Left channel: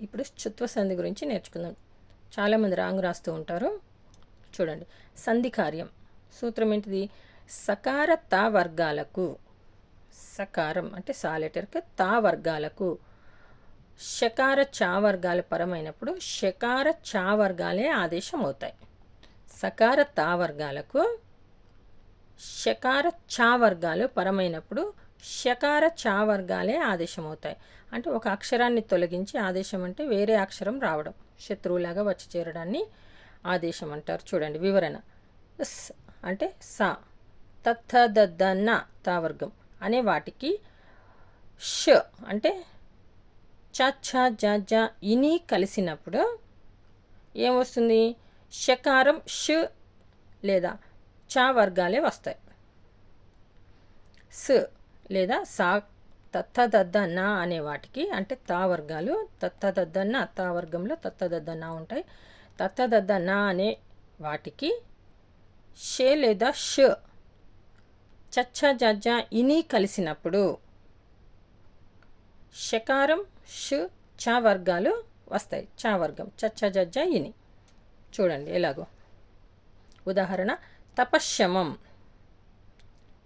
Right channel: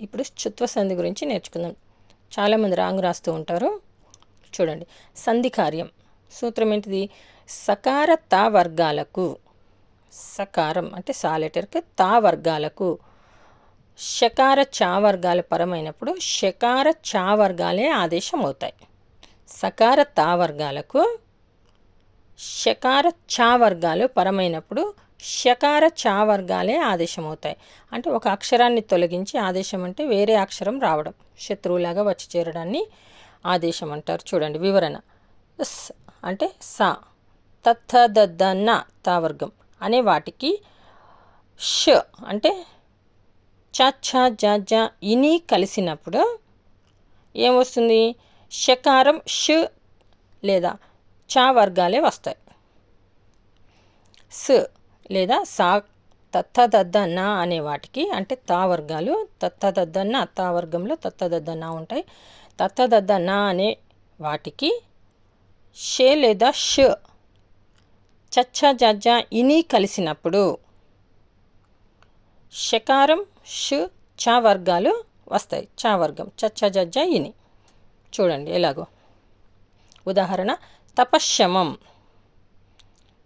ఇప్పుడు చుత్వ సంధి గురించి నేర్చుకుందాం. చాలామంది రాంగ్ రాస్తూ ఉంటారు. చూడండి. సంధి కార్యం. సూత్రం ఏంటిది? సకార తా వర్గాలకు సకారం అంటే సా లెటర్కి తా వర్గాలకు షకార చా వర్గాల పరమైనప్పుడు షకార చా వర్గాలే ఆదేశం అవుతాయి. సకార తా వర్గాలకు షకార చా వర్గాలు పరమైనప్పుడు షకార చా వర్గాలే ఆదేశం అవుతాయి అంటే ఒక అక్షరాన్ని తొలగించి ఆదేశం అంటే వేరే అక్షరం రావడం. శత్రువులాగా వచ్చి చేరడాన్ని ఆదేశం అంటారు. చూడండి వివరణ. స్ అంటే సా. తత్థ దద్ద న తా వర్గం అనే వాటికి ష అంటే చ ఛ జ జ ఇని కలిసినప్పుడు ఏమొస్తుంది? షకారం ష లేదా చా వర్గాలే వస్తాయి. స్ లేదా సా తత్తదద్దన్న అనే వాటికి అంటే తా వర్గాలు తత్తదద్ద నా తా వర్గంలో తత్తదద్ద ఉంటాయి. తత్తదద్దన్న అనే వాటికి షే లేదా ష చచ్చ జజ్జ ఇని కలిసినప్పుడు షకారం షు చా వర్గాలు వస్తాయి. చా వర్గం చచ్చ జజ్జ ఇని. చూడండి ఎలాగో. ఉదాహరణ తపశ్యమం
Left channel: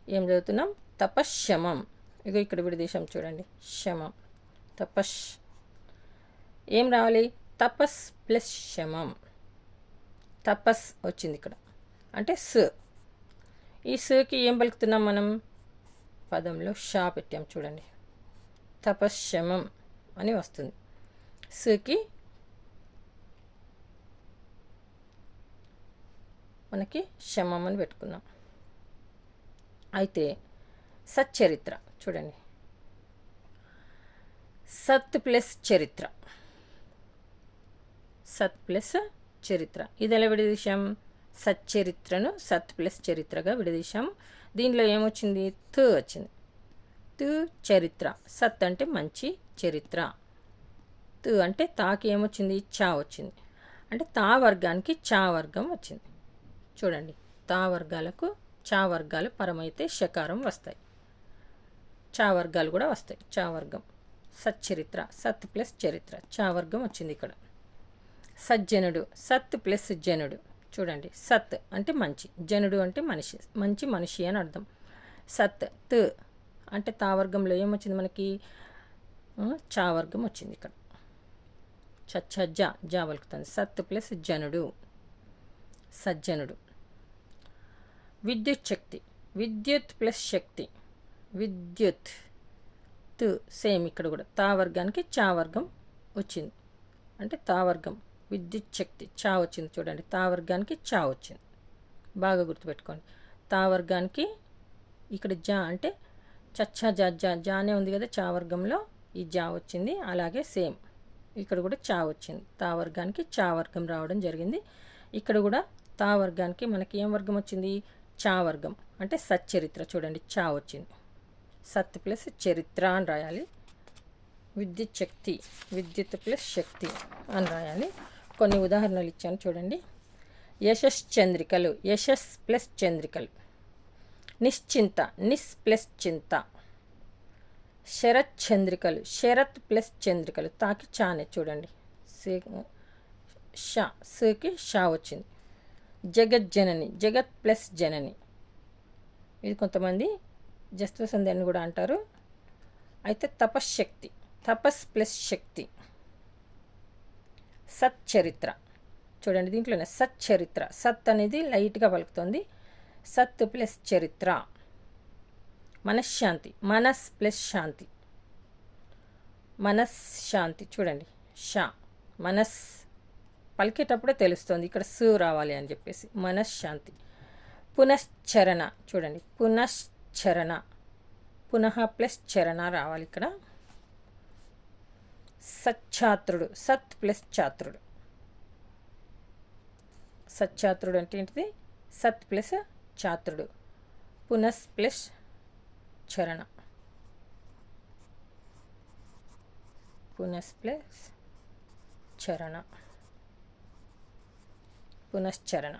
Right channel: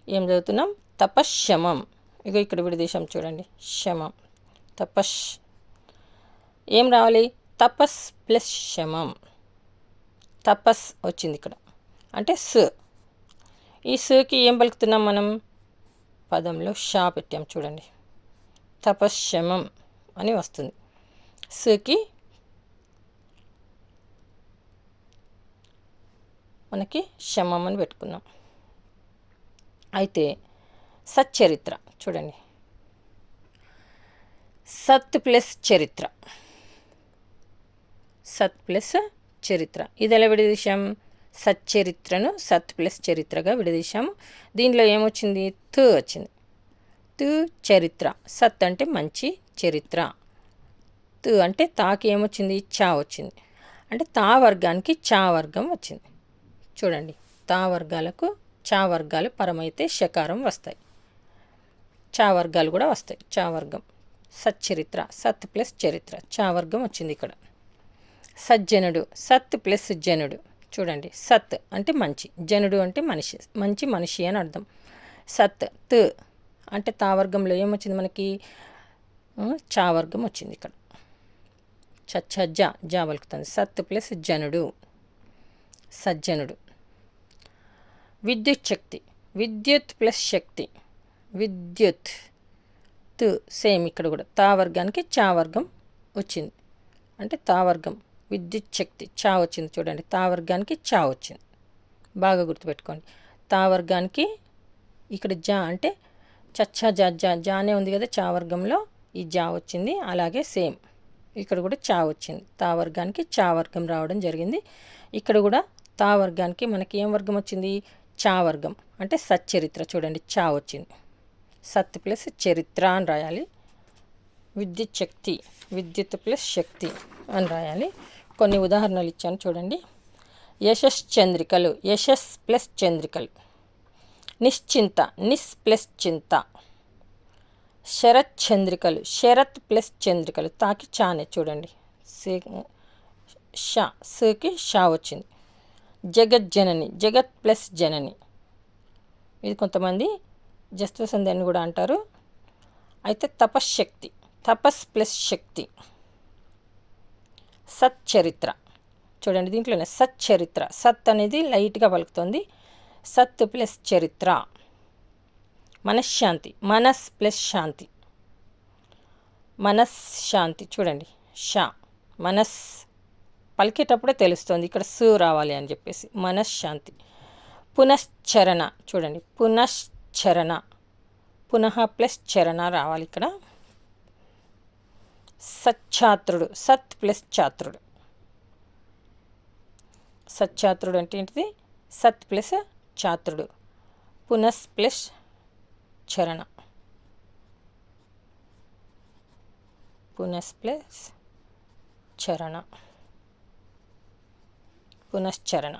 ఏం చదువుతున్నాం? తపశ్శమం. ఇగో ఇక్కడ విడదీశాం చూడండి. శమం. తపశ్. ఏం రావాలి? తపస్ ప్లస్ శమం. తపస్ వచ్చింది ఇక్కడ. అంటే స్. ఈ స్కి ఏం పలుకుతున్నాం మనం? పదంలో షా పెట్టాం చూడండి. తపశ్యమం అని వస్తుంది. స్కి మనకి శమం అని పెట్టుకున్నాం. అయితే సచ్చరిత్ర. చూడండి. సత్ ప్లస్ చరిత్ర. సత్ ప్లస్ చరిత్ర. ఇది ఎలా విడదీశాం? సచ్చరిత్రను సత్ ప్లస్ చరిత్రగా విడదీశాము దీంట్లో ఏమొచ్చింది? తు వచ్చింది. తు చరిత్ర. సత్ అంటే మంచి చరిత్ర. తు అంటే తాకి ఏమొచ్చింది? చా వచ్చింది. అంటే తా వర్గానికి చా వర్గం వచ్చింది. చూడండి. తా వర్గాలకు చా వర్గాలు పరమైతే షకారం వస్తాయి. చావర్గాలు కూడా వస్తాయి. చావర్గం సచ్చరిత్ర సత్ ప్లస్ చరిత్ర. చావర్గం వచ్చింది ఇక్కడ. సజ్జనుడు సత్ ప్లస్ జనుడు. చూడండి సత్ అంటే మంచి జనుడు అంటే మనిషి మంచి మనిషి అని అర్థం. సత్ త్ అంటే తావర్గంలో ఏమొచ్చింది మనకి? చావర్గం వచ్చింది ఇక్కడ. చచ్చ జ జా పలుకుతుంది సత్ ప్లస్ జనుడు సజ్జనుడు. విద్యుత్ శక్తి విద్యుత్ ప్లస్ శక్తి. విద్యుత్ తు సేమ్ ఇక్కడ కూడా. తా వర్గానికి చా వర్గం వచ్చింది. అంటే తా వర్గం విద్యుత్ శక్తి చా వచ్చింది చూడండి. తా వర్గానికి చా వచ్చింది. బాగా గుర్తుపెట్టుకోండి. తా వర్గానికి ఇక్కడ జా అంటే చచ్చా జా జా జానే ఉంది కదా చా వర్గంలో. ఈ జా వచ్చింది. అలాగే సేమ్ ఇక్కడ కూడా చా వచ్చింది. తా వర్గానికి చా వర్గం రావడం జరిగింది. ఇక్కడ కూడా తా వర్గానికి మనకి ఏం వర్గం వచ్చింది? చా వర్గం. అంటే సచ్చరిత్ర చూడండి. చా వచ్చింది. సత్ ప్లస్ చరిత్ర అని రాయాలి. విద్యుత్ శక్తి విద్యుత్ ప్లస్ శక్తి అని రాయాలి. కొన్ని ఉదాహరణలు ఇచ్చాను చూడండి. యశస్ చంద్రికలు యశస్ ప్లస్ చంద్రికలు. నిశ్చింత నిస్ ప్లస్ చింత. శరత్ చంద్రికలు శరత్ ప్లస్ చంద్రికలు. తాకి చానే చూడండి. షా సకి షా వచ్చింది. జగజ్జనని జగత్ ప్లస్ జనని. ఇది కొంతమంది జస్త్వసంధి అని కూడా అంటారు. అయితే తపశ్శక్తి తపస్ ప్లస్ శక్తి. సచ్చరిత్ర. చూడండి దీంట్లోనే సచ్చరిత్ర. సత్ అనేది లైట్గా పలుకుతుంది. సత్ ప్లస్ చరిత్ర. మనశ్శాంతి మనస్ ప్లస్ శాంతి. మనశ్శాంతి చూడండి. షా మనస్ పలికేటప్పుడే తెలుస్తుంది. ఇక్కడ సు రావాలి అని చెప్పేసి. మనశ్శాంతి. పునశ్చరణ. చూడండి. చరణ. పునః ప్లస్ చరణ రావాలి ఇక్కడ. సచ్ఛాత్రుడు సత్ ప్లస్ ఛాత్రుడు సచ్ఛాత్రుడు అంటే ఏంటిది? సత్ ప్లస్ ఛాత్రుడు పునస్ ప్లస్ చరణ. పునస్ ప్లస్ చరణ. పునశ్చరణ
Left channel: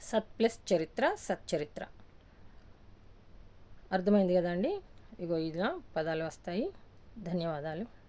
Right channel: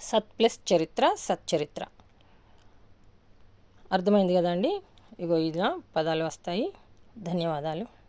సత్ ప్లస్ చరిత్ర సచ్చరిత్ర అర్థమైంది కదండి? ఇగో ఇలా పదాలు వస్తాయి. ధన్యవాదాలు.